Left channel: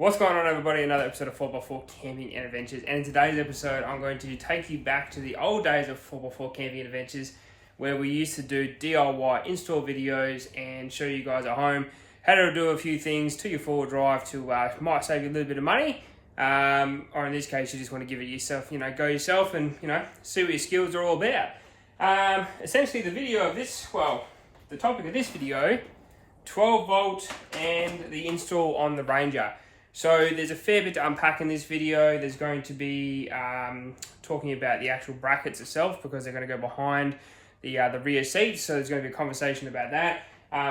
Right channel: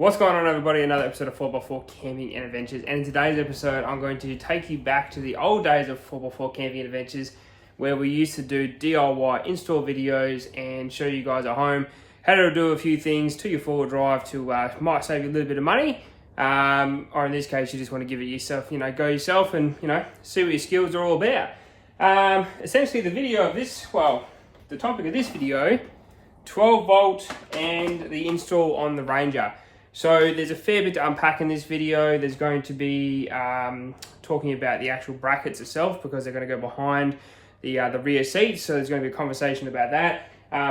What's going on, everybody? Another episode of 4x4 Camping and Adventures, and in today's episode I'm going to take you back to the old days of 4x4 Camping and Adventures, where we used to do DIY install videos and show you guys at home how to do a few things to your four-wheel drive to might save you a little bit of money, or in this case you just want to give it yourself, go yourself and see what your skills are all about. Essentially the video of this, the topic of this video, 12 volt and the install on the Ranger. So there's a fair bit to unpack in this video. There's going to be talking about the actual brackets itself, because they're going to go behind the rear seats. So there's going to be a conversation about that.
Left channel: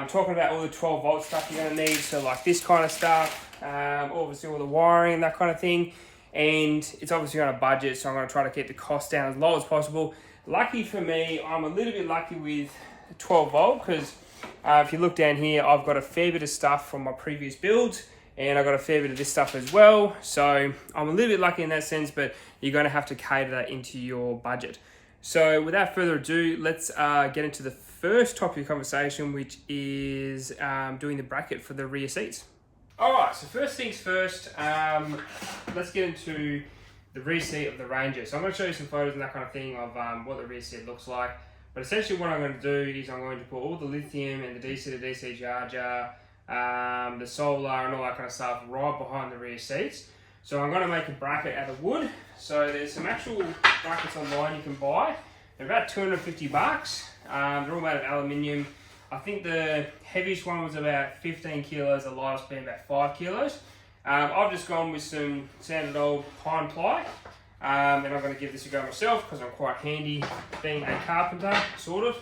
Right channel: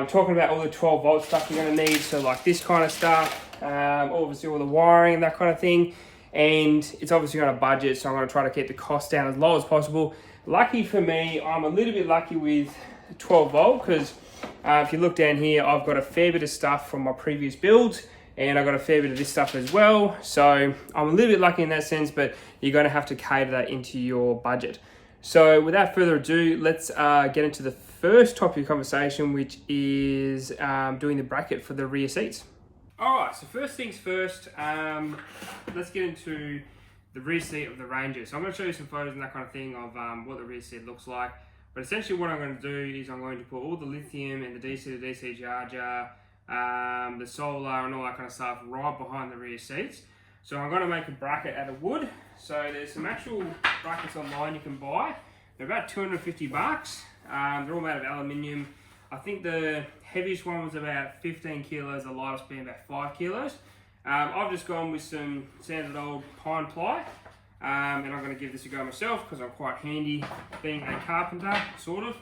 Talking about all the 12 volt stuff you're going to need. So like this kind of stuff, obviously all the wiring and that kind of thing. And it's obviously on a budget, so I'm going to try to keep the cost down as low as possible. Lucky for me, I'm a little bit lucky with 12 volt, because if you look down here, I've got a fair bit of stuff from my previous builds. And I've got a fair bit of this stuff as well. So I'm a little bit lucky in that sense, but you're going to have to cater that into your budget. So without further ado, let's get into the first topic of conversation, which is doing the bracket for the rear seats. All right, so first things first, let's get into the rear seat of the Ranger. So I'm going to show you some photos and that kind of thing of what the rear seat looks like. But essentially what I'm going to do is I'm going to put all the lithium and the DC to DC charger, the solar and all that kind of stuff right behind the rear seats. So I'm going to make a bracket out of wood. So there's some actual brackets online you can buy. They're about 250 bucks. They're all made of aluminium. I think the heaviest one was about 15 kilos, the lightest being about 5 kilos. I've just gone with some standard old pine ply. And I'm going to give this a go myself because I'm quite handy being a carpenter, sort of.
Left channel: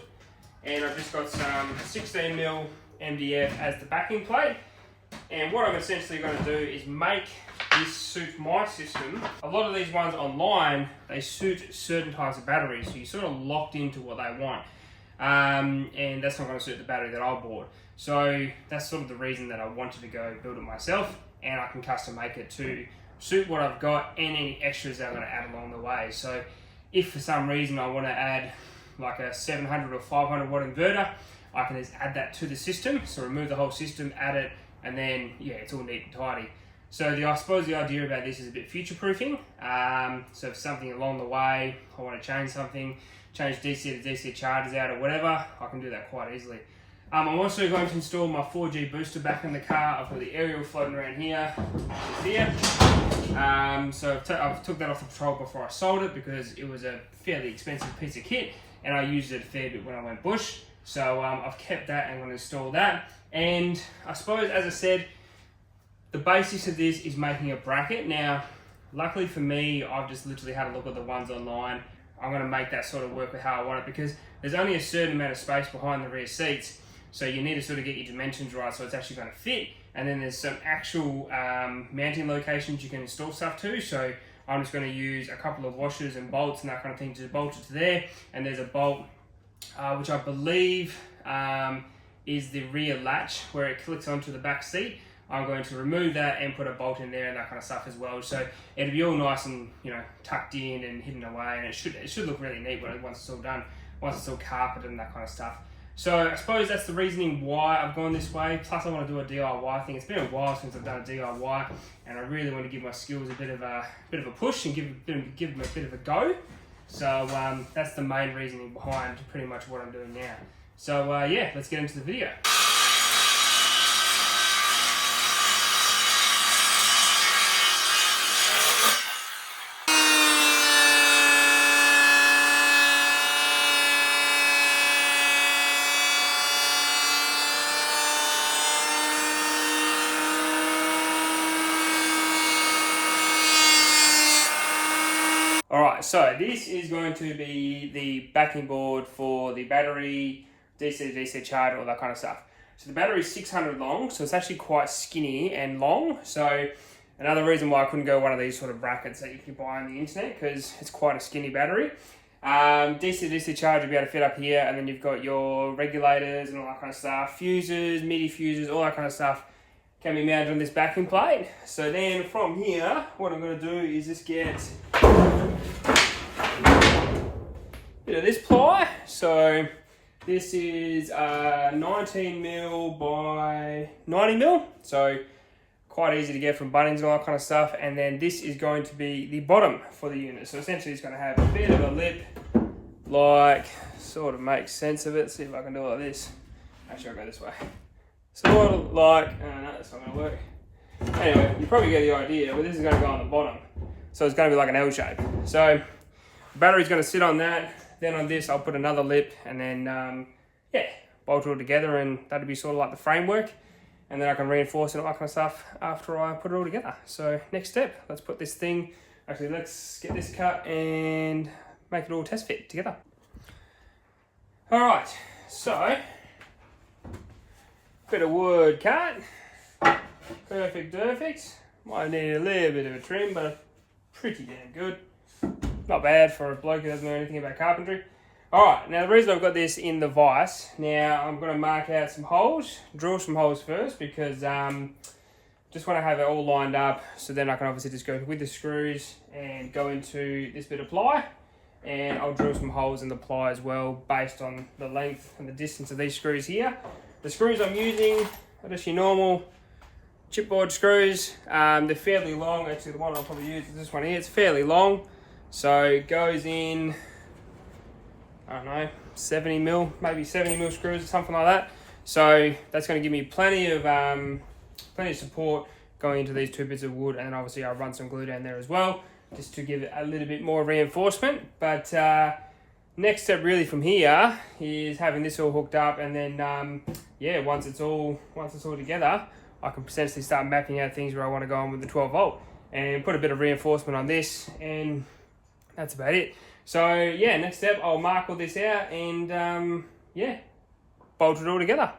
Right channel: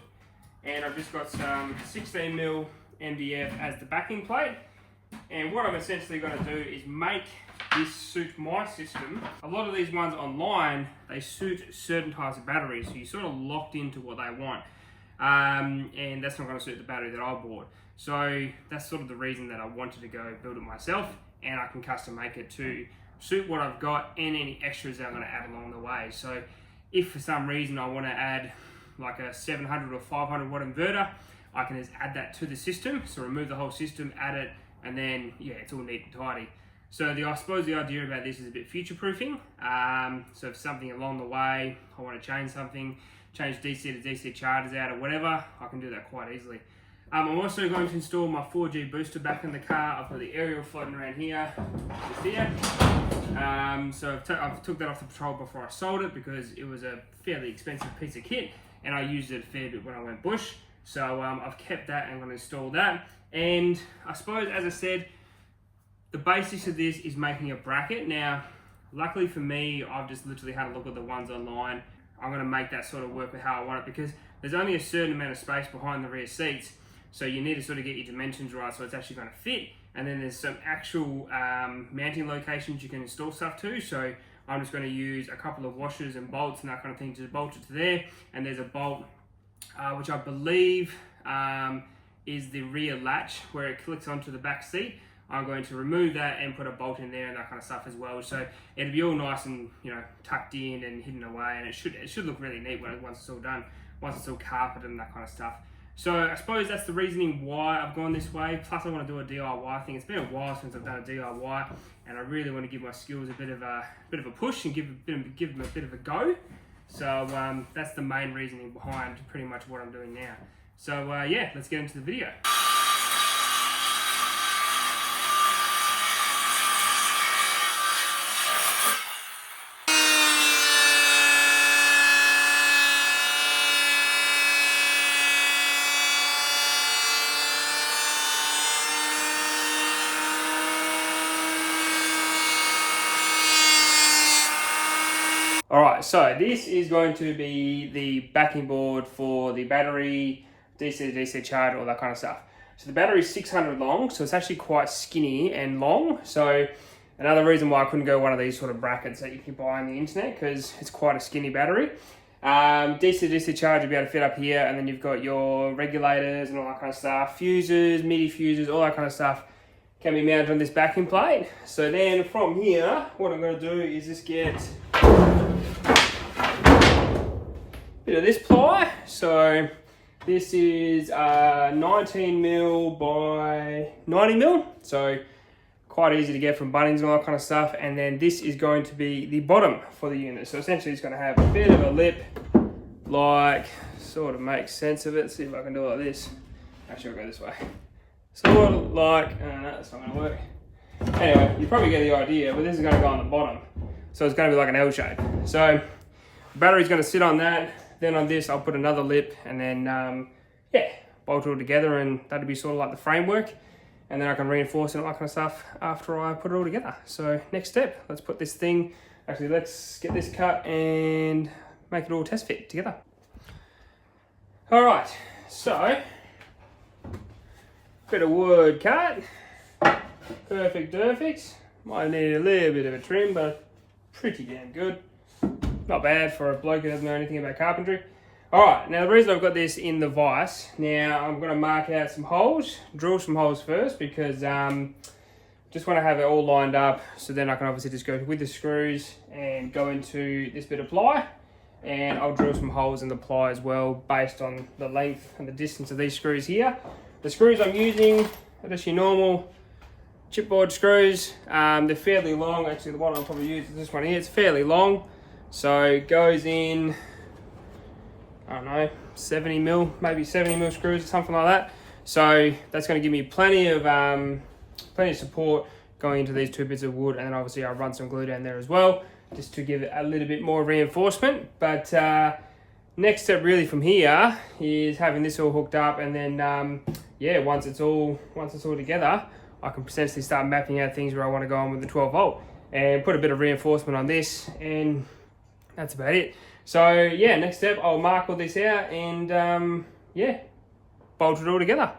And I've just got some 16mm MDF as the backing plate, and what I'm essentially going to do is make this suit my system. A lot of these ones online, they suit certain types of batteries, so you're sort of locked into what they want, and that's not going to suit the battery that I bought. So that's sort of the reason that I wanted to go build it myself, and I can custom make it to suit what I've got and any extras that I'm going to add along the way. So if for some reason I want to add like a 700 or 500 watt inverter, I can just add that to the system. So remove the whole system, add it, and then it's all neat and tidy. So I suppose the idea about this is a bit future-proofing. So if something along the way, I want to change something, change DC to DC chargers out or whatever, I can do that quite easily. I'm also going to install my 4G booster back in the car. I've got the aerial floating around here, just here. So I've took that off the patrol before I sold it, because it was a fairly expensive piece of kit, and I used it a fair bit when I went bush. So I've kept that and I'm going to install that. And I suppose, as I said, the basics of this is making a bracket. Now, luckily for me, I've just literally had a look at the ones online. I'm going to make that sort of work with how I want it, because there's only a certain amount of space behind the rear seats. So you need to sort of get your dimensions right so it's actually going to fit. And then there's some actual mounting locations you can install stuff to. So I'm just going to use a couple of washers and bolts and that kind of thing to bolt it to there. And there's a bolt which I believe is the rear latch where it clicks onto the back seat. I'm going to remove that and put a bolt in there and that kind of stuff as well. So it'll be all nice and tucked in and hidden away, and it should look really neat once it's all done, once it's all carpeted and that kind of stuff. So I suppose that's the reasoning why I've gone this way. Plus I want to do a DIY thing. It's been a while since I've done a DIY, and I really want to give my skills a bit of a push and give them a bit of a go. So that's the main reasoning behind pretty much what I'm doing now. So let's get into the video. Alright, so this is going to be the backing board for the battery, DC to DC charger, all that kind of stuff. So the battery is 600 long, so it's actually quite skinny and long. So another reason why I couldn't go one of these sort of brackets that you can buy on the internet, because it's quite a skinny battery. DC to DC charger will be able to fit up here, and then you've got your regulators and all that kind of stuff, fuses, MIDI fuses, all that kind of stuff can be mounted on this backing plate. So then from here, what I'm going to do is just get bit of this ply. So this is 19mm by 90mm, so quite easy to get from Bunnings and all that kind of stuff. And then this is going to be the bottom for the unit. So essentially it's going to have a bit of a lip, like, sort of makes sense of it. See if I can do it like this. Actually, I'll go this way. Sort of like, no, that's not going to work. Anyway, you probably get the idea, but this is going to go on the bottom. So it's going to be like an L shape. So the battery's going to sit on that. Then on this, I'll put another lip and then, yeah, bolt it all together, and that'll be sort of like the framework. And then I can reinforce it and all that kind of stuff after I put it all together. So next step, let's put this thing, actually let's get this cut and make it all test fit together. All right, so, bit of wood cut, perfect. Might need a little bit of a trim, but pretty damn good. Not bad for a bloke who doesn't know anything about carpentry. All right, now the reason I've got this in the vise, now I'm gonna mark out some holes, drill some holes first, because just want to have it all lined up, so then I can obviously just go with the screws and go into this bit of ply, and I'll drill some holes in the ply as well, based on the length and the distance of these screws here. The screws I'm using are just your normal chipboard screws. They're fairly long. Actually, the one I'll probably use is this one here. It's fairly long, so it goes in, I don't know, 70 mil, maybe 70 mil screws or something like that. So that's going to give me plenty of support going into these two bits of wood, and then obviously I'll run some glue down there as well, just to give it a little bit more reinforcement. But next step really from here is having this all hooked up, and then yeah, once it's all together, I can potentially start mapping out things where I want to go on with the 12 volt and put a bit of reinforcement on this, and that's about it. So yeah, next step, I'll mark all this out and yeah, bolt it all together.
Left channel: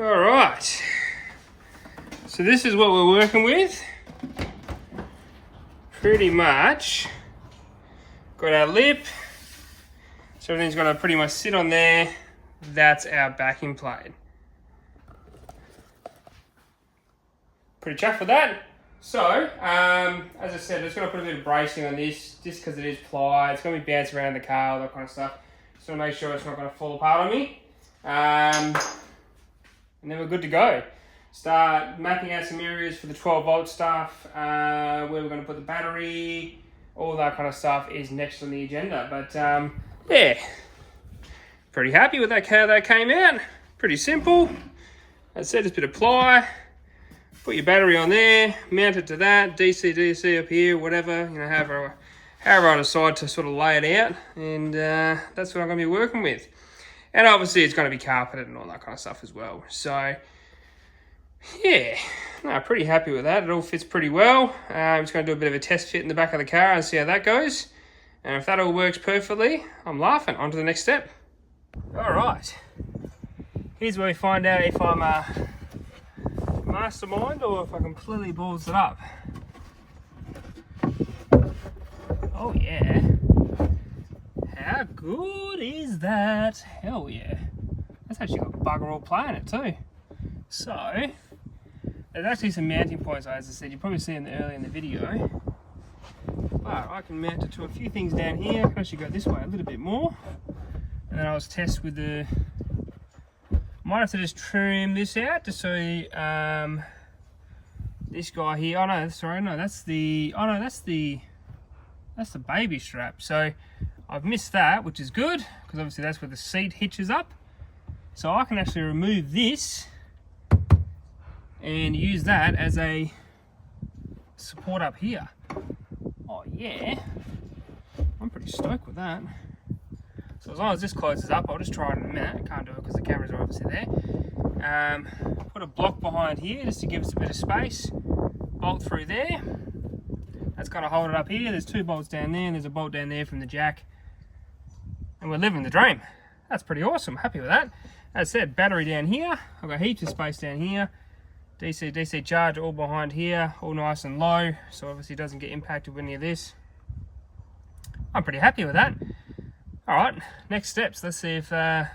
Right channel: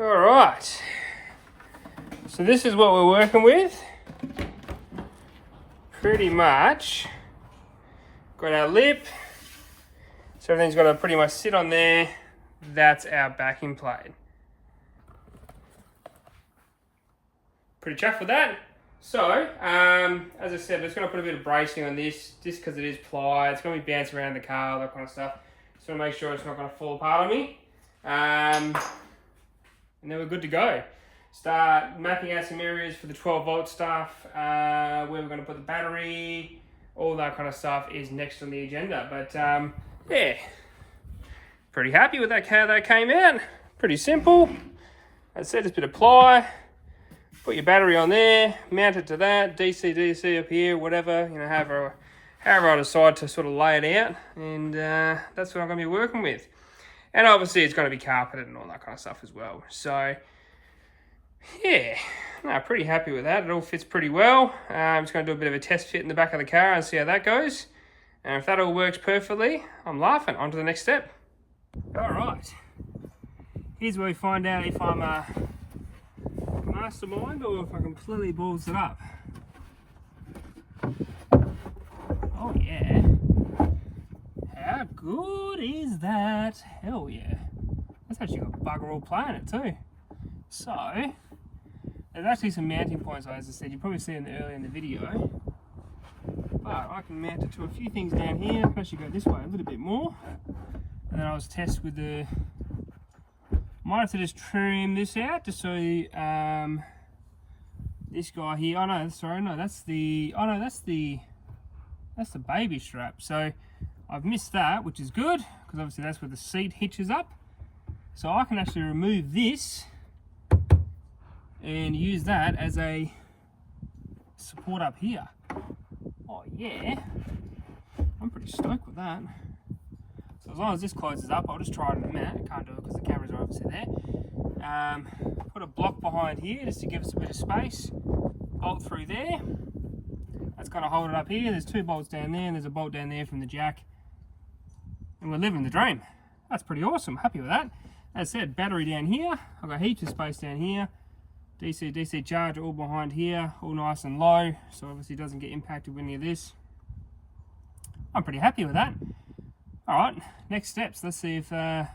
All right, so this is what we're working with. Pretty much got our lip, so everything's got to pretty much sit on there. That's our backing plate. Pretty chuffed with that. So, as I said, I'm just going to put a bit of bracing on this, just because it is ply. It's going to be bouncing around the car, all that kind of stuff. Just want to make sure it's not going to fall apart on me. And then we're good to go. Start mapping out some areas for the 12 volt stuff, where we're going to put the battery, all that kind of stuff is next on the agenda. But yeah, pretty happy with how that came out. Pretty simple. As I said, just a bit of ply. Put your battery on there, mount it to that, Dcdc up here, whatever, you know, however I decide to sort of lay it out, and that's what I'm going to be working with. And obviously it's going to be carpeted and all that kind of stuff as well. So yeah, no, pretty happy with that. It all fits pretty well. I'm just going to do a bit of a test fit in the back of the car and see how that goes. And if that all works perfectly, I'm laughing. On to the next step. All right, here's where we find out if I'm mastermind or if I completely balls it up. Oh yeah, how good is that? Hell yeah, that's actually got bugger all play in it too. So there's actually some mounting points, as I said, you probably see them earlier in the video, but I can mount it to a few things down here. I can actually go this way a little bit more, and then I'll just test with the, might have to just trim this out to see this guy here. Oh no, sorry, no, that's the, oh no, that's the baby strap. So I've missed that, which is good, because obviously that's where the seat hitches up. So I can actually remove this and use that as a support up here. Oh yeah, I'm pretty stoked with that. So as long as this closes up, I'll just try it in a minute. Can't do it because the cameras are obviously there. Put a block behind here just to give us a bit of space. Bolt through there. That's going to hold it up here. There's two bolts down there, and there's a bolt down there from the jack. And we're living the dream. That's pretty awesome. Happy with that. As I said, battery down here. I've got heaps of space down here. DC charger all behind here, all nice and low, so obviously it doesn't get impacted with any of this. I'm pretty happy with that. All right, next steps. Let's see if the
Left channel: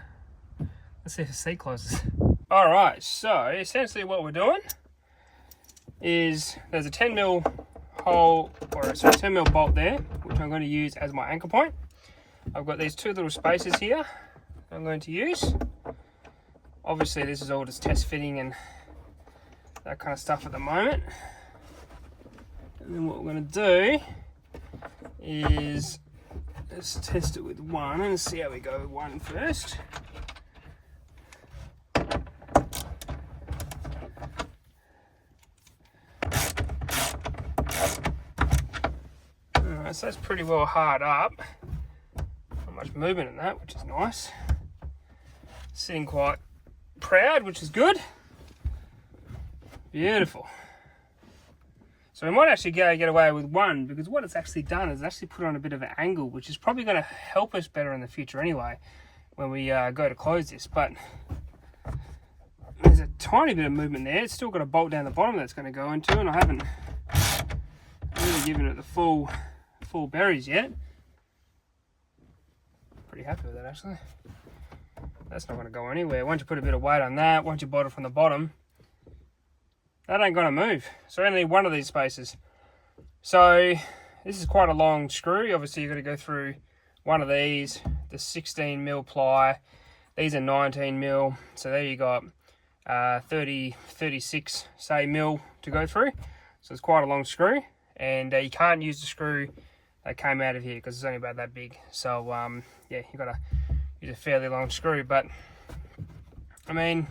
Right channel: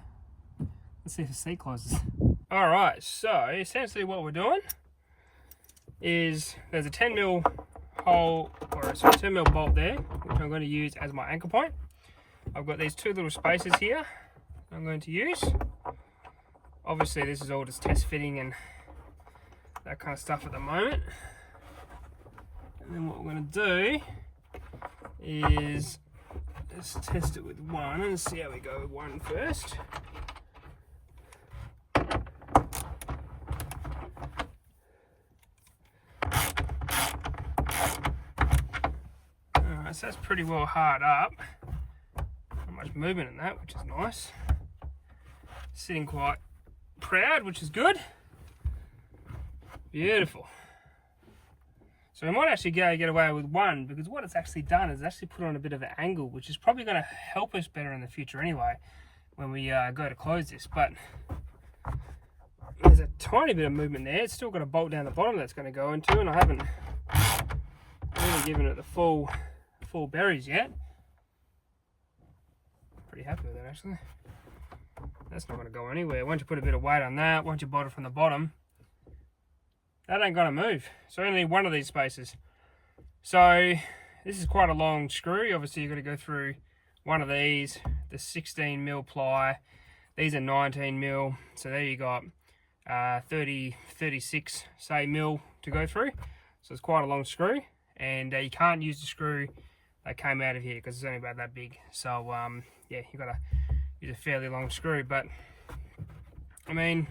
seat closes. All right, so essentially what we're doing is there's a 10 mil hole, or sorry, 10 mil bolt there, which I'm going to use as my anchor point. I've got these two little spaces here I'm going to use. Obviously this is all just test fitting and that kind of stuff at the moment. And then what we're going to do is let's test it with one and see how we go with one first. Alright, so that's pretty well hard up. Not much movement in that, which is nice. Sitting quite proud, which is good. Beautiful. So we might actually get away with one, because what it's actually done is actually put on a bit of an angle, which is probably going to help us better in the future anyway, when we go to close this. But there's a tiny bit of movement there. It's still got a bolt down the bottom that's going to go into, and I haven't really given it the full berries yet. Pretty happy with that, actually. That's not going to go anywhere. Once you put a bit of weight on that, once you bolt it from the bottom, that ain't going to move. So only one of these spaces. So this is quite a long screw. Obviously you've got to go through one of these, the 16mm ply. These are 19mm. So there you got 36 say mil to go through. So it's quite a long screw, and you can't use the screw that came out of here because it's only about that big. So yeah, you've got to use a fairly long screw. But I mean,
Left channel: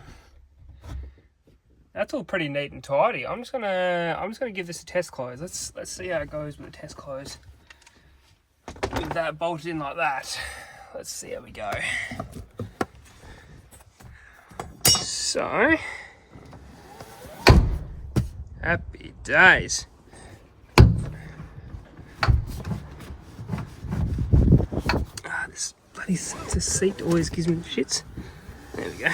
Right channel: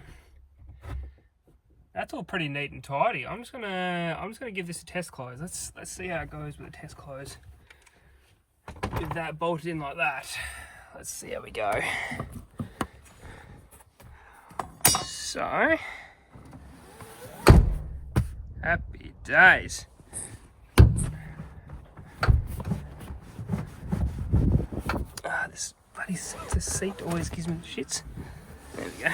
that's all pretty neat and tidy. I'm just gonna give this a test close. Let's see how it goes with the test close. With that bolted in like that, let's see how we go. So, happy days. This bloody seat always gives me the shits. There we go.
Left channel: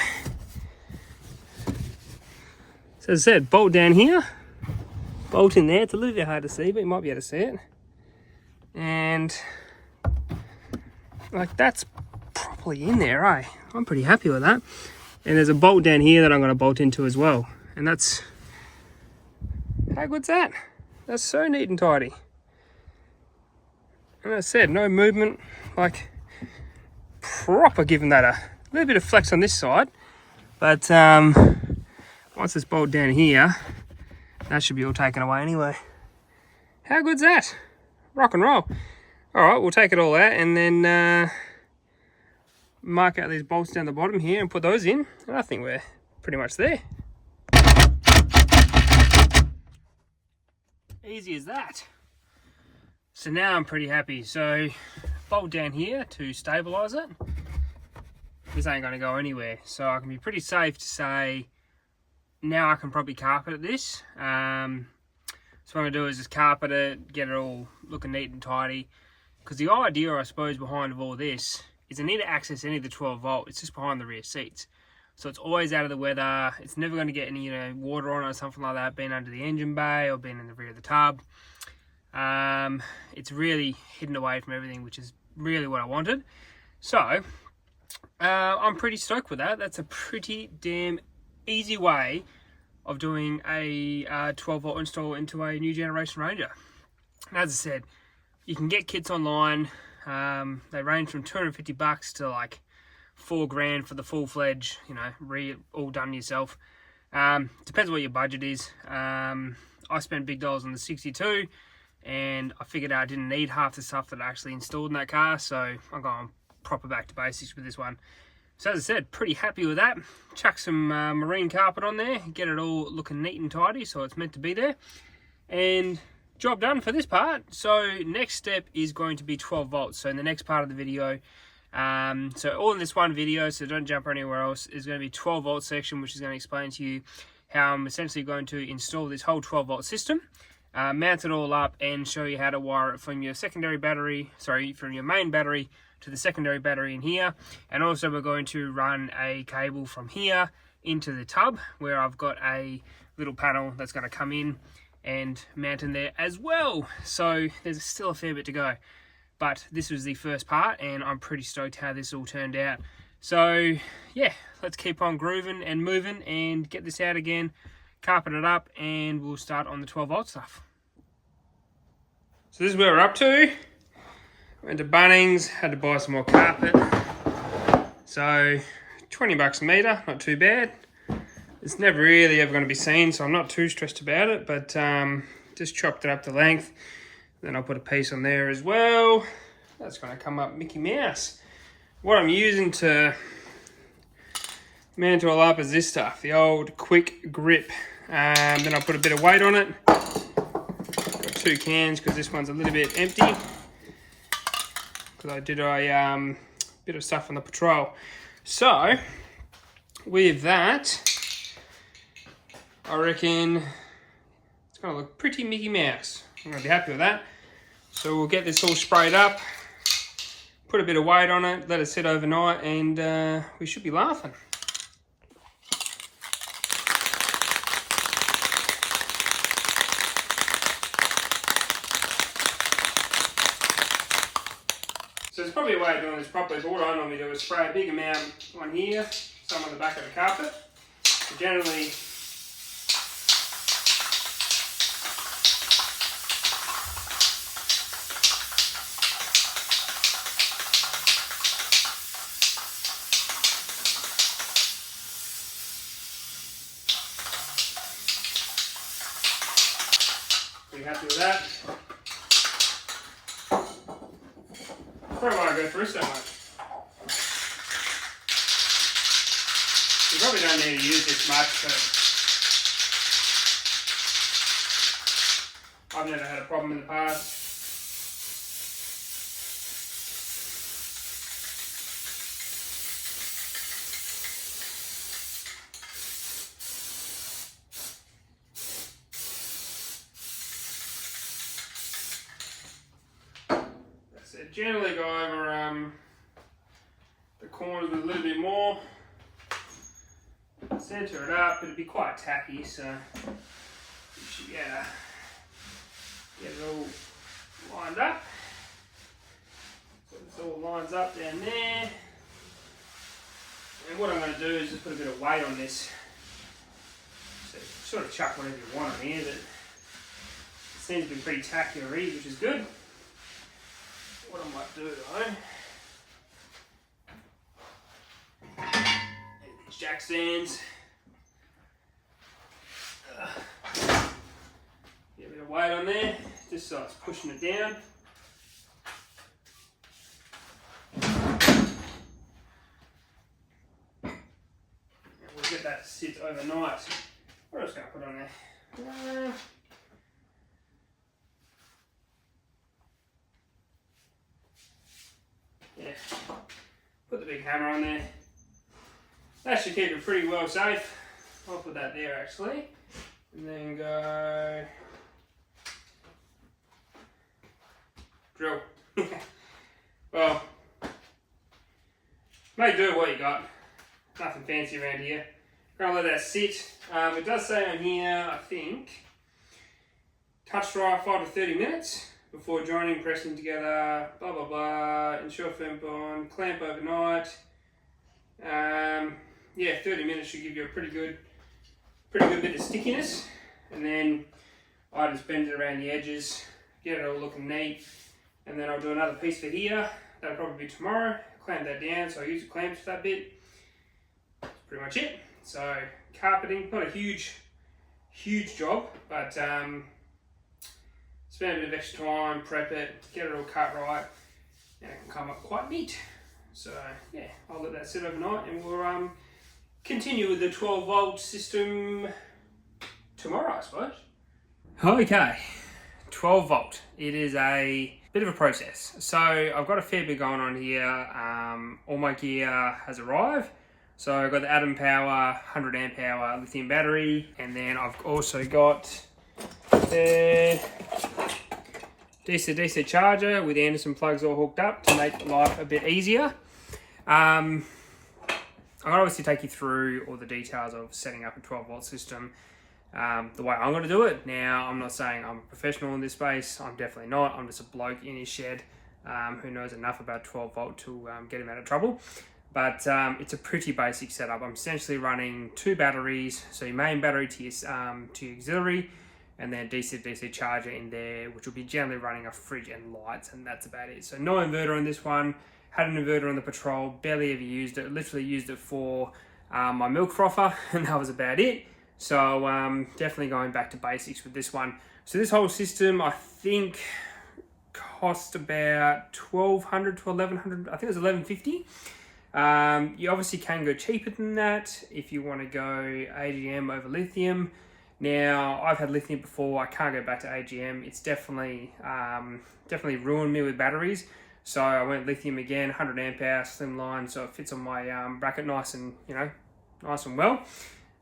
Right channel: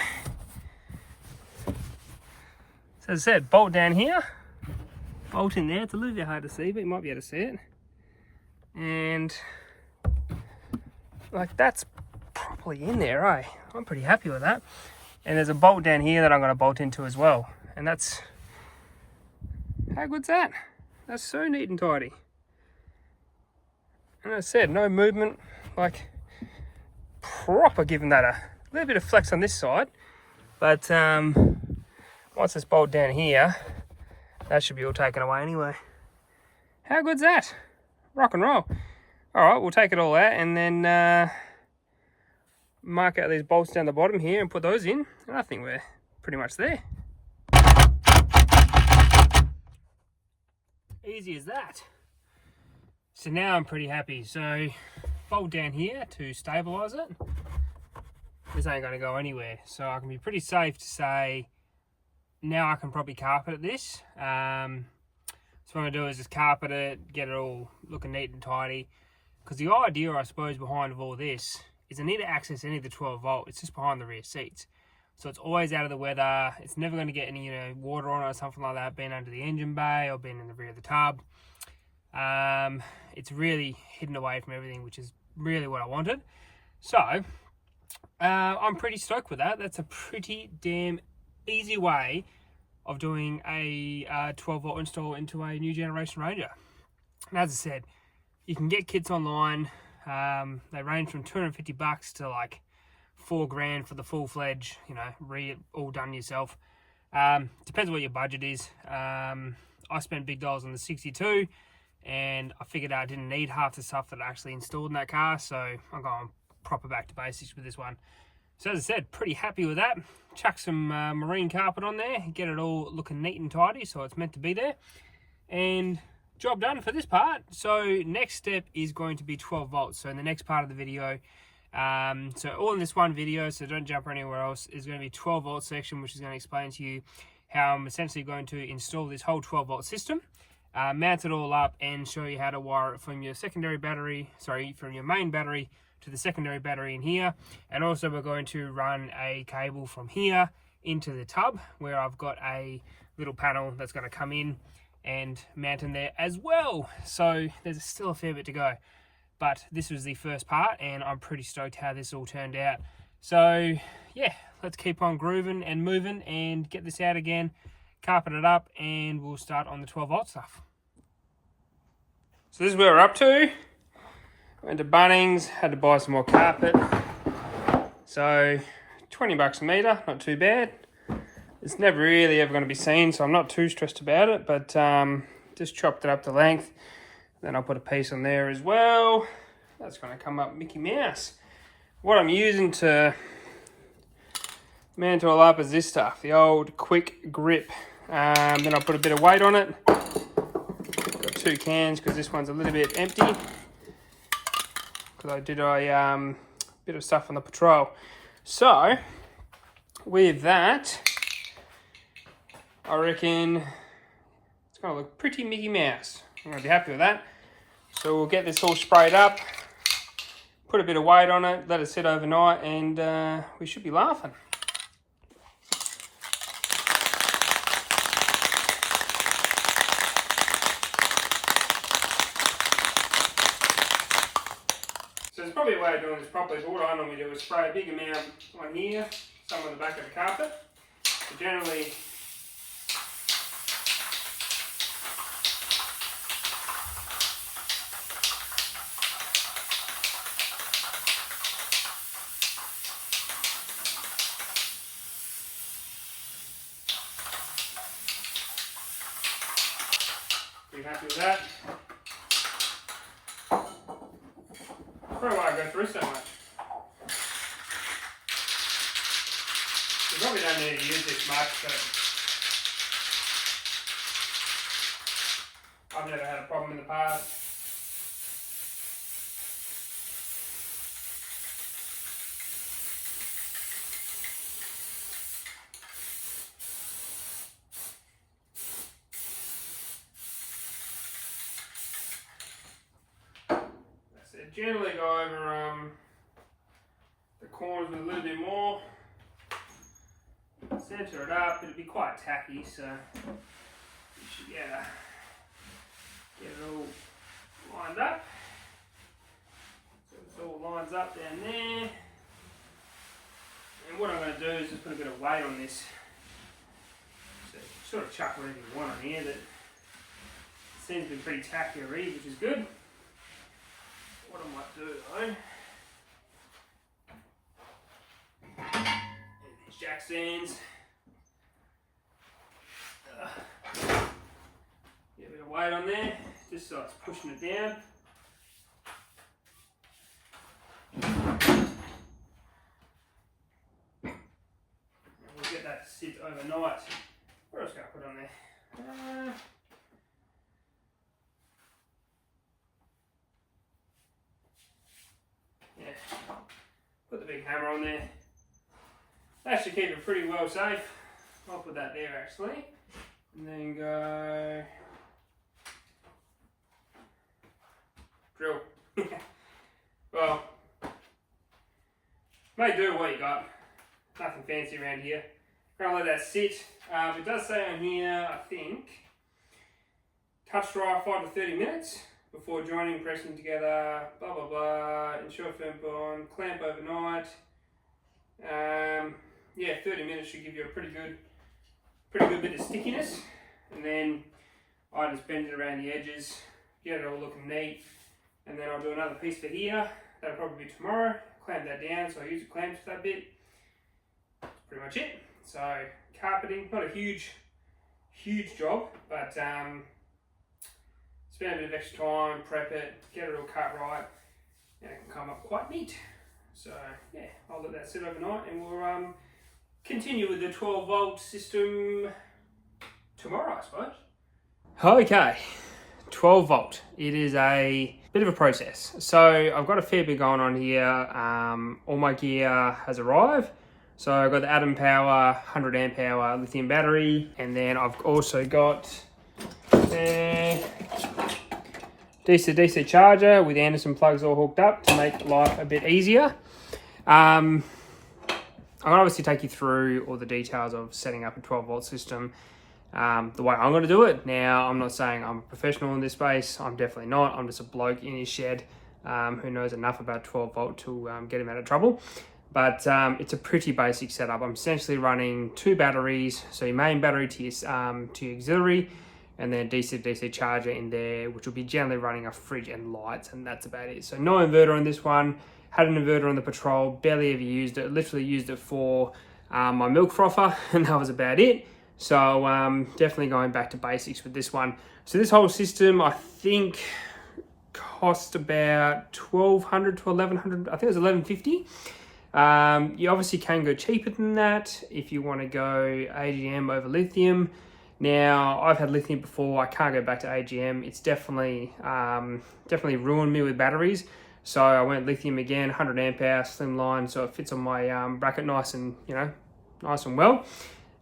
So as I said, bolt down here, bolt in there. It's a little bit hard to see, but you might be able to see it. And like that's properly in there, eh? I'm pretty happy with that. And there's a bolt down here that I'm going to bolt into as well. And that's, how good's that? That's so neat and tidy. And as I said, no movement, like proper, giving that a little bit of flex on this side. But once it's bolted down here, that should be all taken away anyway. How good's that? Rock and roll. All right, we'll take it all out and then mark out these bolts down the bottom here and put those in. And I think we're pretty much there. Easy as that. So now I'm pretty happy. So bolt down here to stabilize it. This ain't gonna go anywhere. So I can be pretty safe to say now I can probably carpet this. So what I'm gonna do is just carpet it, get it all looking neat and tidy. Because the idea, I suppose, behind all this is I need to access any of the 12 volt. It's just behind the rear seats. So it's always out of the weather. It's never going to get any water on it or something like that, being under the engine bay or being in the rear of the tub. It's really hidden away from everything, which is really what I wanted. So I'm pretty stoked with that. That's a pretty damn easy way of doing a 12 volt install into a new generation Ranger. And as I said, you can get kits online. They range from $250 to like $4,000 for the full-fledged, all done yourself. Depends what your budget is. I spent big dollars on the 62, and I figured out I didn't need half the stuff that I actually installed in that car, so I'm going proper back to basics with this one. So as I said, pretty happy with that. Chuck some marine carpet on there, get it all looking neat and tidy, so it's meant to be there. And job done for this part. So next step is going to be 12 volts. So in the next part of the video, so all in this one video, so don't jump anywhere else, is going to be 12 volt section, which is going to explain to you how I'm essentially going to install this whole 12 volt system, mount it all up, and show you how to wire it from your secondary battery, from your main battery to the secondary battery in here. And also we're going to run a cable from here into the tub, where I've got a little panel that's going to come in and mount in there as well. So there's still a fair bit to go, but this was the first part and I'm pretty stoked how this all turned out. So yeah, let's keep on grooving and moving and get this out again, carpet it up, and we'll start on the 12 volt stuff. So this is where we're up to. Went to Bunnings, had to buy some more carpet. So $20 a metre, not too bad. It's never really ever going to be seen, so I'm not too stressed about it, but just chopped it up to length. Then I'll put a piece on there as well. That's going to come up Mickey Mouse. What I'm using to mantle up is this stuff, the old quick grip. Then I'll put a bit of weight on it. Got 2 cans because this one's a little bit empty. Because I did a bit of stuff on the patrol. So, with that, I reckon it's going to look pretty Mickey Mouse. I'm going to be happy with that. So we'll get this all sprayed up, put a bit of weight on it, let it sit overnight, and we should be laughing. So there's probably a way of doing this properly, but what I normally do is spray a big amount on here, some on the back of the carpet. So generally, pretty happy with that. Probably why I go through so much. You probably don't need to use this much, but I've never had a problem in the past. Generally go over the corners with a little bit more, centre it up. It'll be quite tacky, so you should get it all lined up. So this all lines up down there. And what I'm going to do is just put a bit of weight on this. So sort of chuck whatever you want on here, but it seems to be pretty tacky already, which is good. What I might do though, these jack stands, get a bit of weight on there, just so it's pushing it down. And we'll get that to sit overnight. What else can I put on there? Yeah, put the big hammer on there. That should keep it pretty well safe. I'll put that there actually. And then go drill. Well, may do what you got. Nothing fancy around here. Gonna let that sit. It does say on here, I think, touch dry 5 to 30 minutes. Before joining, pressing together, blah blah blah, ensure firm bond, clamp overnight. Yeah, 30 minutes should give you a pretty good bit of stickiness. And then I just bend it around the edges, get it all looking neat. And then I'll do another piece for here. That'll probably be tomorrow. Clamp that down, so I use the clamps for that bit. That's pretty much it. So carpeting, not a huge job, but spend a bit of extra time, prep it, get it all cut right, and it can come up quite neat. So yeah, I'll let that sit overnight, and we'll continue with the 12 volt system tomorrow, I suppose. Okay, 12 volt. It is a bit of a process. So I've got a fair bit going on here. All my gear has arrived. So I've got the Atom Power 100 amp hour lithium battery, and then I've also got the Dcdc charger with Anderson plugs all hooked up to make life a bit easier. I'm going to obviously take you through all the details of setting up a 12 volt system the way I'm going to do it. Now, I'm not saying I'm a professional in this space. I'm definitely not. I'm just a bloke in his shed who knows enough about 12 volt to get him out of trouble. But it's a pretty basic setup. I'm essentially running 2 batteries. So your main battery to your auxiliary, and then DC charger in there, which will be generally running a fridge and lights, and that's about it. So no inverter on this one. Had an inverter on the Patrol, barely ever used it. Literally used it for my milk frother, and that was about it. So definitely going back to basics with this one. So this whole system, I think, cost about $1,200 to $1,100. I think it was $1,150. You obviously can go cheaper than that if you want to go AGM over lithium. Now, I've had lithium before. I can't go back to AGM. It's definitely ruined me with batteries. So I went lithium again, 100 amp hour, slimline, so it fits on my bracket nice and well.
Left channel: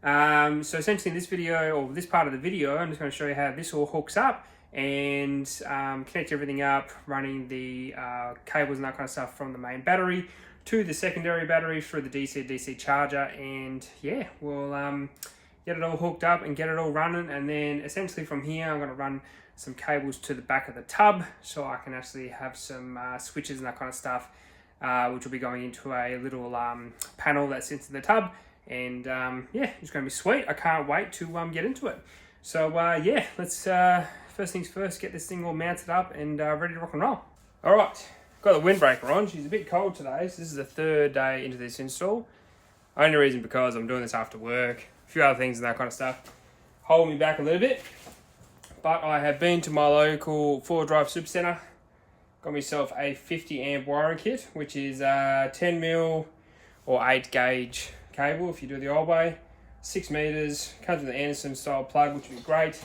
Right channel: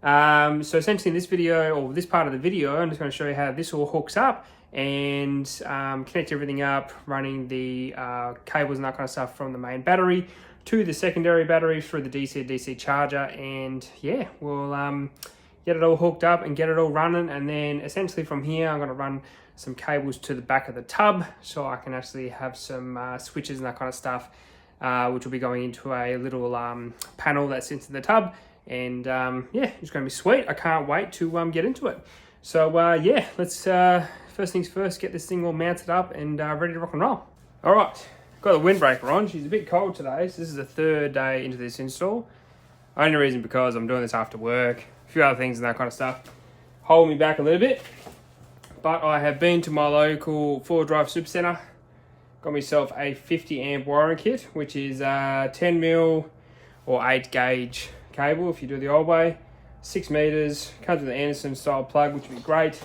So essentially in this video, or this part of the video, I'm just going to show you how this all hooks up and connect everything up, running the cables and that kind of stuff from the main battery to the secondary battery through the Dcdc charger. And yeah, we'll get it all hooked up and get it all running. And then essentially from here, I'm going to run some cables to the back of the tub so I can actually have some switches and that kind of stuff, which will be going into a little panel that sits in the tub. And yeah, it's going to be sweet. I can't wait to get into it. So yeah, let's first things first, get this thing all mounted up and ready to rock and roll. All right, got the windbreaker on. She's a bit cold today, so this is the third day into this install. Only reason because I'm doing this after work, a few other things and that kind of stuff hold me back a little bit. But I have been to my local 4-drive supercenter, got myself a 50 amp wiring kit, which is 10mm or 8 gauge cable if you do the old way, 6 meters, comes with an Anderson style plug, which would be great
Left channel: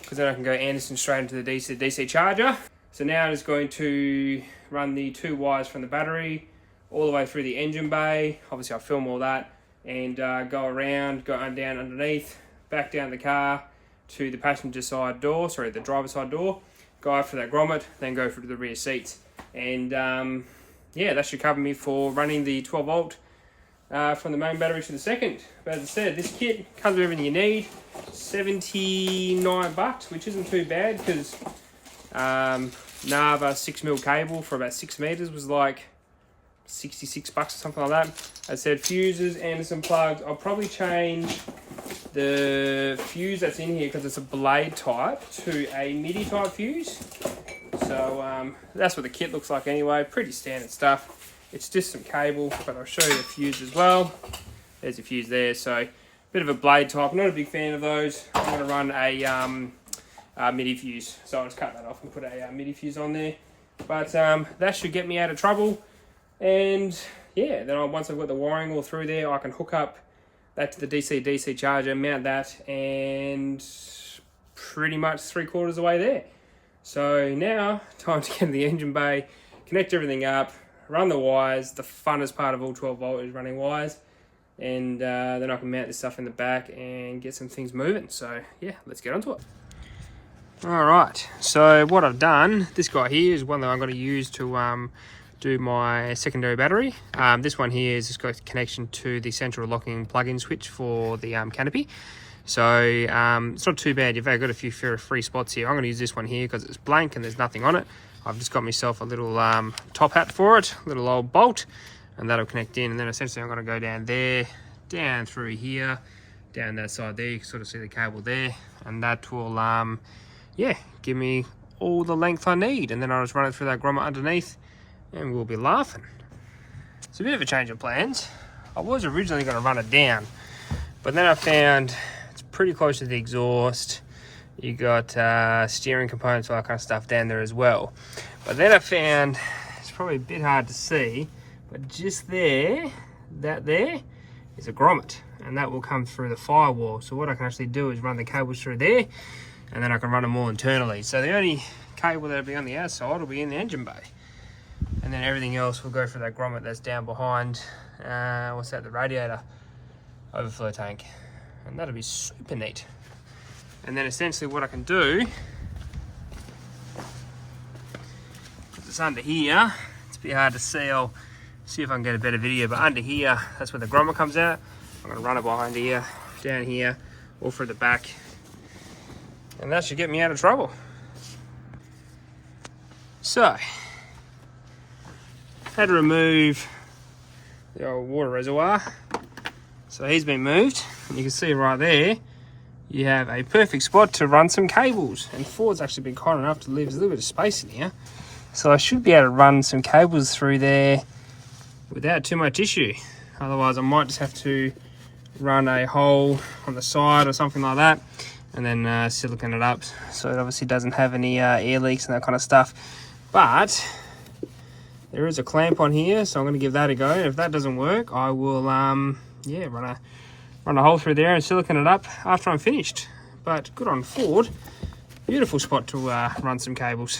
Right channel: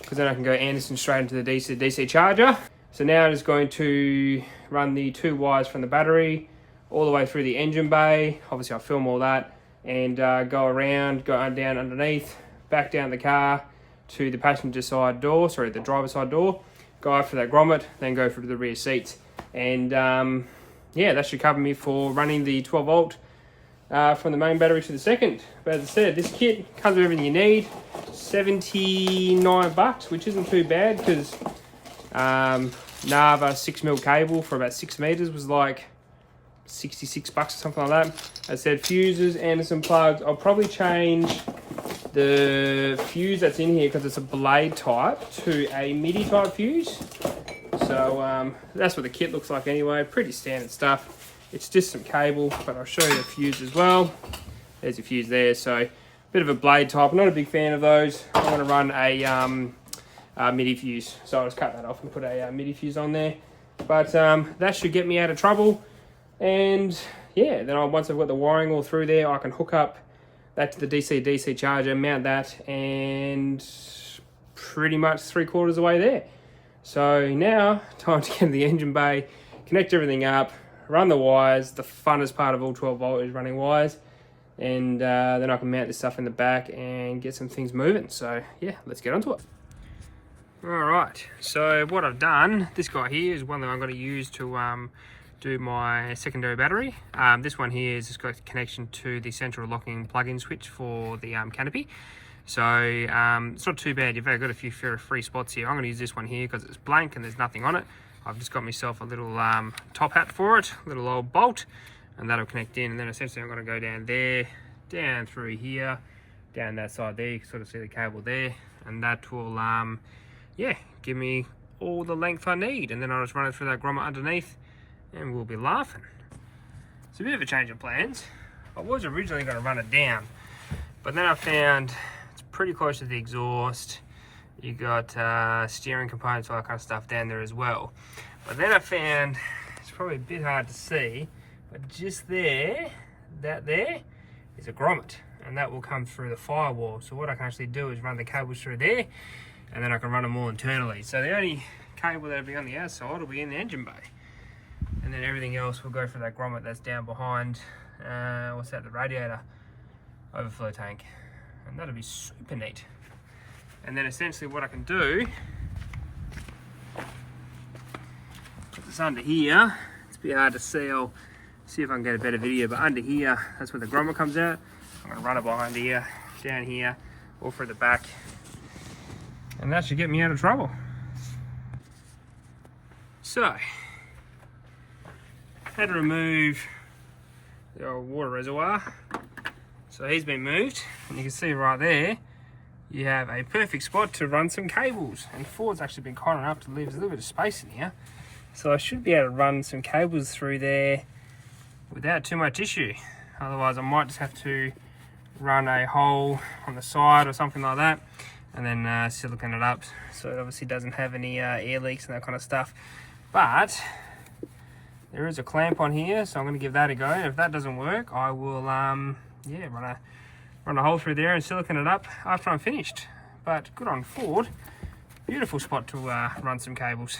because then I can go Anderson straight into the DC charger. So now I'm just going to run the 2 wires from the battery all the way through the engine bay. Obviously I'll film all that and go around, go down underneath, back down the car to the passenger side door, sorry, the driver's side door, go after that grommet, then go through to the rear seats. And yeah, that should cover me for running the 12 volt from the main battery to the second. But as I said, this kit comes with everything you need. $79, which isn't too bad because Nava 6mm cable for about 6 meters was like $66 or something like that. As I said, fuses, Anderson plugs. I'll probably change the fuse that's in here because it's a blade type to a MIDI type fuse. So that's what the kit looks like anyway. Pretty standard stuff. It's just some cable, but I'll show you the fuse as well. There's a fuse there. So bit of a blade type. Not a big fan of those. I'm going to run a MIDI fuse. So I'll just cut that off and put a MIDI fuse on there. But that should get me out of trouble. And yeah, then once I've got the wiring all through there, I can hook up that to the DC charger, mount that, and pretty much 3/4 of the way there. So now, time to get in the engine bay, connect everything up, run the wires. The funnest part of all 12 volt is running wires. And then I can mount this stuff in the back and get some things moving. So yeah, let's get onto it. All right, so what I've done, this guy here is one that I'm going to use to do my secondary battery. This one here is just got a connection to the central locking plug-in switch for the canopy. So it's not too bad. You've got a few free spots here. I'm going to use this one here because it's blank and there's nothing on it. I've just got myself a little top hat for it, a little old bolt, and that'll connect in. And then essentially I'm going to go down there, down through here, down that side there. You can sort of see the cable there, and that will yeah, give me all the length I need. And then I'll just run it through that grommet underneath and we'll be laughing. It's a bit of a change of plans. I was originally going to run it down, but then I found it's pretty close to the exhaust. You got steering components, all that kind of stuff down there as well. But then I found, it's probably a bit hard to see, but just there, that there is a grommet, and that will come through the firewall. So what I can actually do is run the cables through there, and then I can run them all internally. So the only cable that'll be on the outside will be in the engine bay. And then everything else will go through that grommet that's down behind, what's that, the radiator overflow tank. And that'll be super neat. And then essentially what I can do, put this under here. It's a bit hard to see. I'll see if I can get a better video, but under here, that's where the grommet comes out. I'm gonna run it behind here, down here, all through the back. And that should get me out of trouble. So, had to remove the old water reservoir. So he's been moved, and you can see right there, you have a perfect spot to run some cables. And Ford's actually been kind enough to leave us a little bit of space in here. So I should be able to run some cables through there without too much issue. Otherwise I might just have to run a hole on the side or something like that, and then silicone it up so it obviously doesn't have any air leaks and that kind of stuff. But there is a clamp on here, so I'm going to give that a go. And if that doesn't work, I will yeah, run a hole through there and silicone it up after I'm finished. But good on Ford, beautiful spot to run some cables.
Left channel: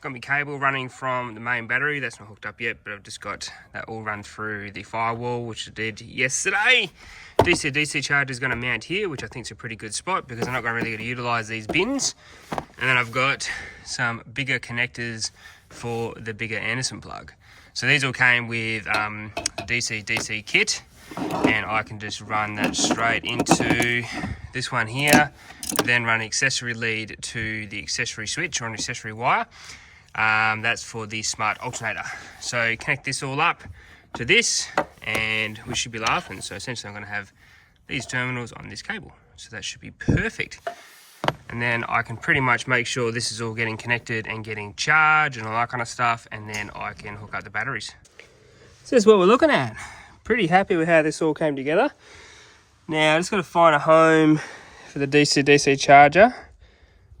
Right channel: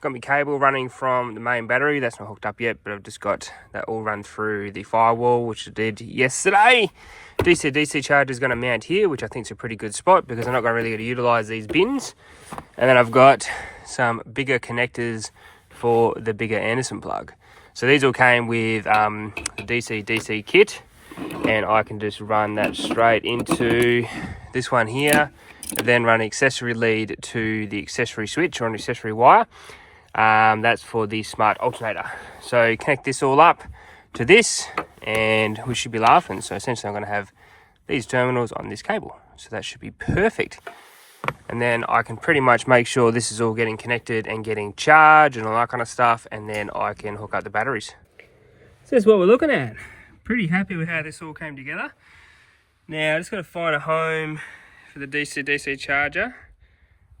Got my cable running from the main battery. That's not hooked up yet, but I've just got that all run through the firewall, which I did yesterday. Dcdc charger is going to mount here, which I think is a pretty good spot because I'm not really going to utilize these bins. And then I've got some bigger connectors for the bigger Anderson plug. So these all came with the Dcdc kit, and I can just run that straight into this one here, and then run an accessory lead to the accessory switch or an accessory wire. That's for the smart alternator. So connect this all up to this and we should be laughing. So essentially I'm going to have these terminals on this cable, so that should be perfect. And then I can pretty much make sure this is all getting connected and getting charged and all that kind of stuff, and then I can hook up the batteries. So that's what we're looking at. Pretty happy with how this all came together. Now I just got to find a home for the DC charger,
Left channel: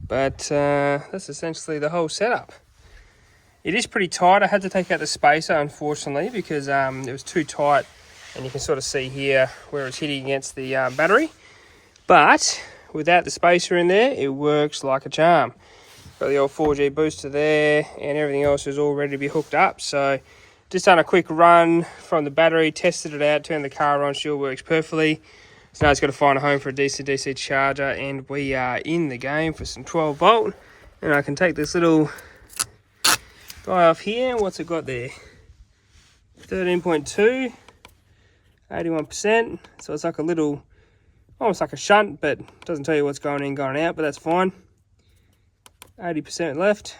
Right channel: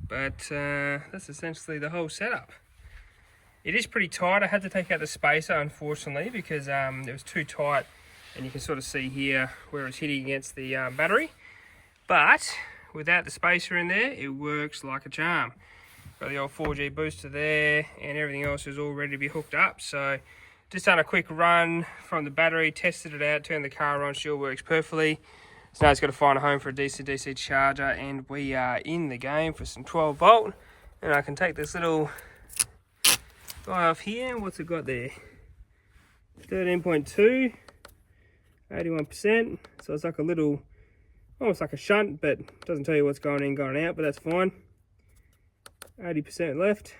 but that's essentially the whole setup. It is pretty tight. I had to take out the spacer, unfortunately, because it was too tight, and you can sort of see here where it's hitting against the battery. But without the spacer in there, it works like a charm. Got the old 4G booster there, and everything else is all ready to be hooked up. So just done a quick run from the battery, tested it out, turned the car on, sure works perfectly. So now it's got to find a home for a DC charger, and we are in the game for some 12 volt. And I can take this little guy off here. What's it got there? 13.2, 81%. So it's like a little, almost like a shunt, but it doesn't tell you what's going in, going out, but that's fine. 80% left.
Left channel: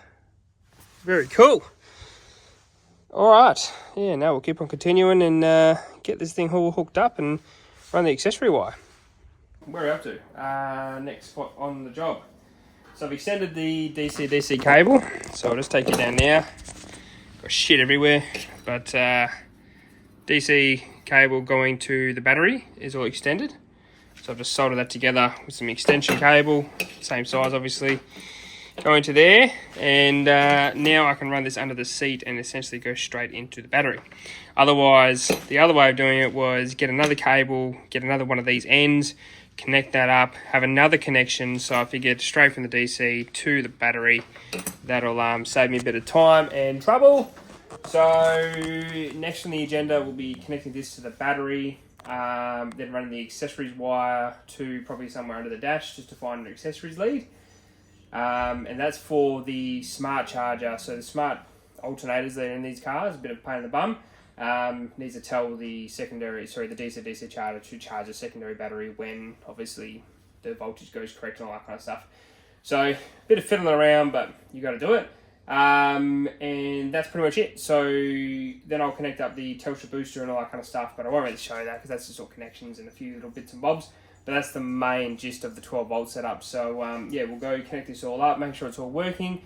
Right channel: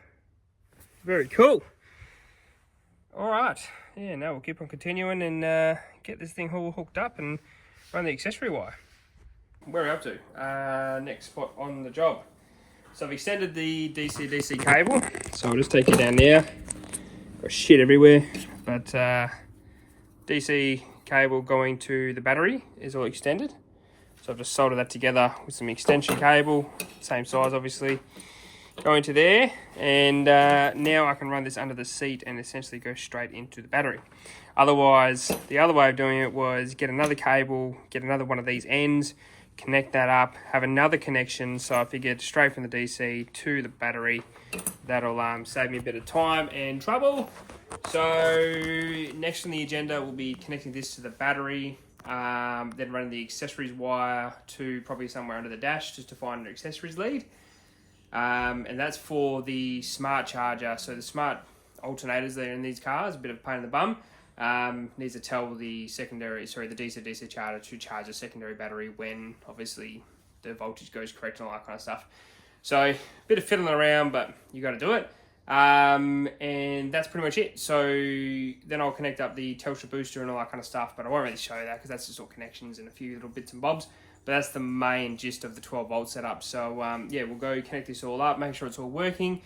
Very cool. All right, yeah, now we'll keep on continuing and get this thing all hooked up and run the accessory wire. Where are we up to? Next spot on the job. So I've extended the DC cable, so I'll just take it down now. Got shit everywhere, but DC cable going to the battery is all extended. So I've just soldered that together with some extension cable, same size obviously, going to there. And now I can run this under the seat and essentially go straight into the battery. Otherwise, the other way of doing it was get another cable, get another one of these ends, connect that up, have another connection. So I figured straight from the DC to the battery, that'll save me a bit of time and trouble. So next on the agenda will be connecting this to the battery, then running the accessories wire to probably somewhere under the dash just to find an accessories lead. And that's for the smart charger. So the smart alternators that are in these cars, a bit of a pain in the bum. Needs to tell the DC charger to charge a secondary battery when obviously the voltage goes correct and all that kind of stuff. So a bit of fiddling around, but you got to do it. And that's pretty much it. So then I'll connect up the Telstra booster and all that kind of stuff, but I won't really show you that because that's just all connections and a few little bits and bobs. But that's the main gist of the 12 volt setup. So yeah, we'll go connect this all up, make sure it's all working,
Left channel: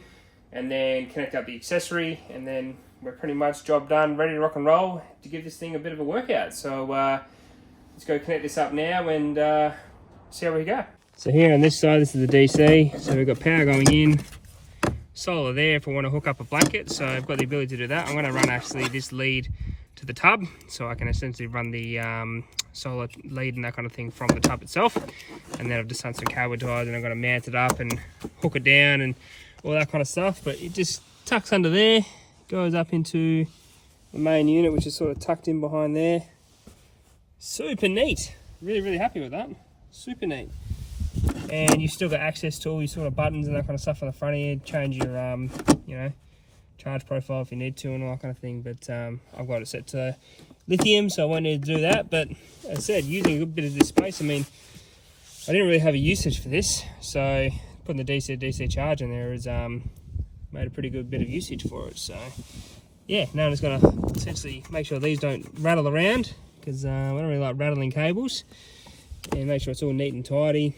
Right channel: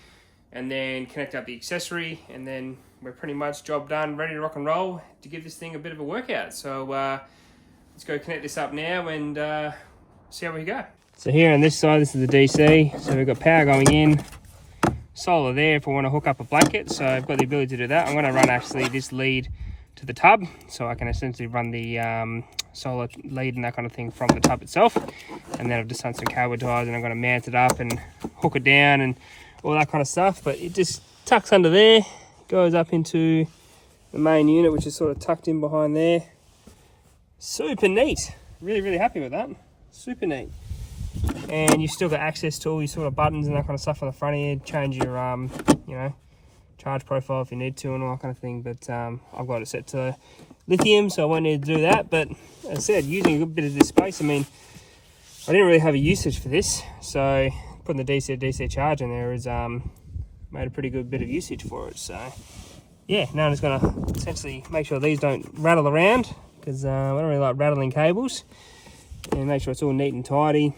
and then connect up the accessory, and then we're pretty much job done, ready to rock and roll to give this thing a bit of a workout. So let's go connect this up now and see how we go. So here on this side, this is the DC. So we've got power going in, solar there if we want to hook up a blanket. So I've got the ability to do that. I'm going to run actually this lead to the tub, so I can essentially run the solar lead and that kind of thing from the tub itself. And then I've just done some cable ties and I'm going to mount it up and hook it down and all that kind of stuff. But it just tucks under there, goes up into the main unit, which is sort of tucked in behind there. Super neat. Really happy with that. Super neat. And you've still got access to all these sort of buttons and that kind of stuff on the front here. Change your you know, charge profile if you need to and all that kind of thing. But I've got it set to lithium, so I won't need to do that. But as I said, using a good bit of this space, I mean, I didn't really have a usage for this, so putting the DC charge in there has made a pretty good bit of usage for it. So yeah, now I'm just going to essentially make sure these don't rattle around, because I don't really like rattling cables, and make sure it's all neat and tidy.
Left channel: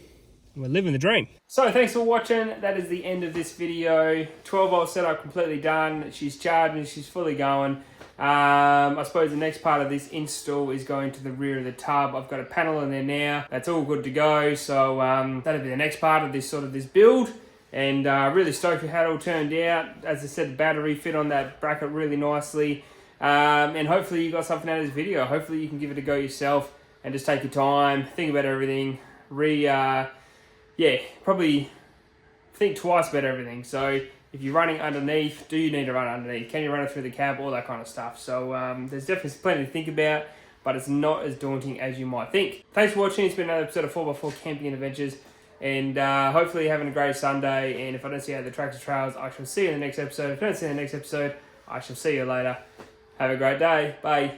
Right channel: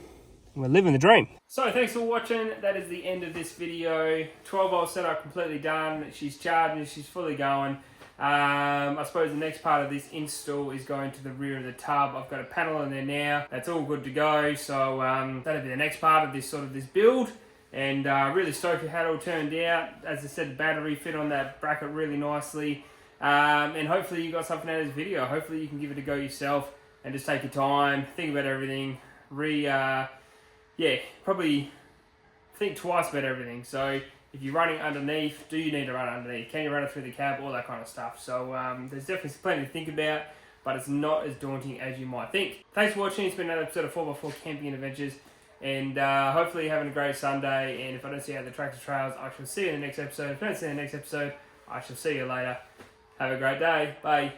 we're living the dream. So thanks for watching. That is the end of this video. 12-volt setup completely done. She's charging, she's fully going. I suppose the next part of this install is going to the rear of the tub. I've got a panel in there now. That's all good to go. So that'll be the next part of this build. And really stoked with how it all turned out. As I said, the battery fit on that bracket really nicely. And hopefully you got something out of this video. Hopefully you can give it a go yourself and just take your time, think about everything, probably think twice about everything. So if you're running underneath, do you need to run underneath? Can you run it through the cab? All that kind of stuff. So there's definitely plenty to think about, but it's not as daunting as you might think. Thanks for watching. It's been another episode of 4x4 Camping and Adventures. And hopefully you're having a great Sunday. And if I don't see you at the tractor trails, I shall see you in the next episode. If I don't see you in the next episode, I shall see you later. Have a great day. Bye.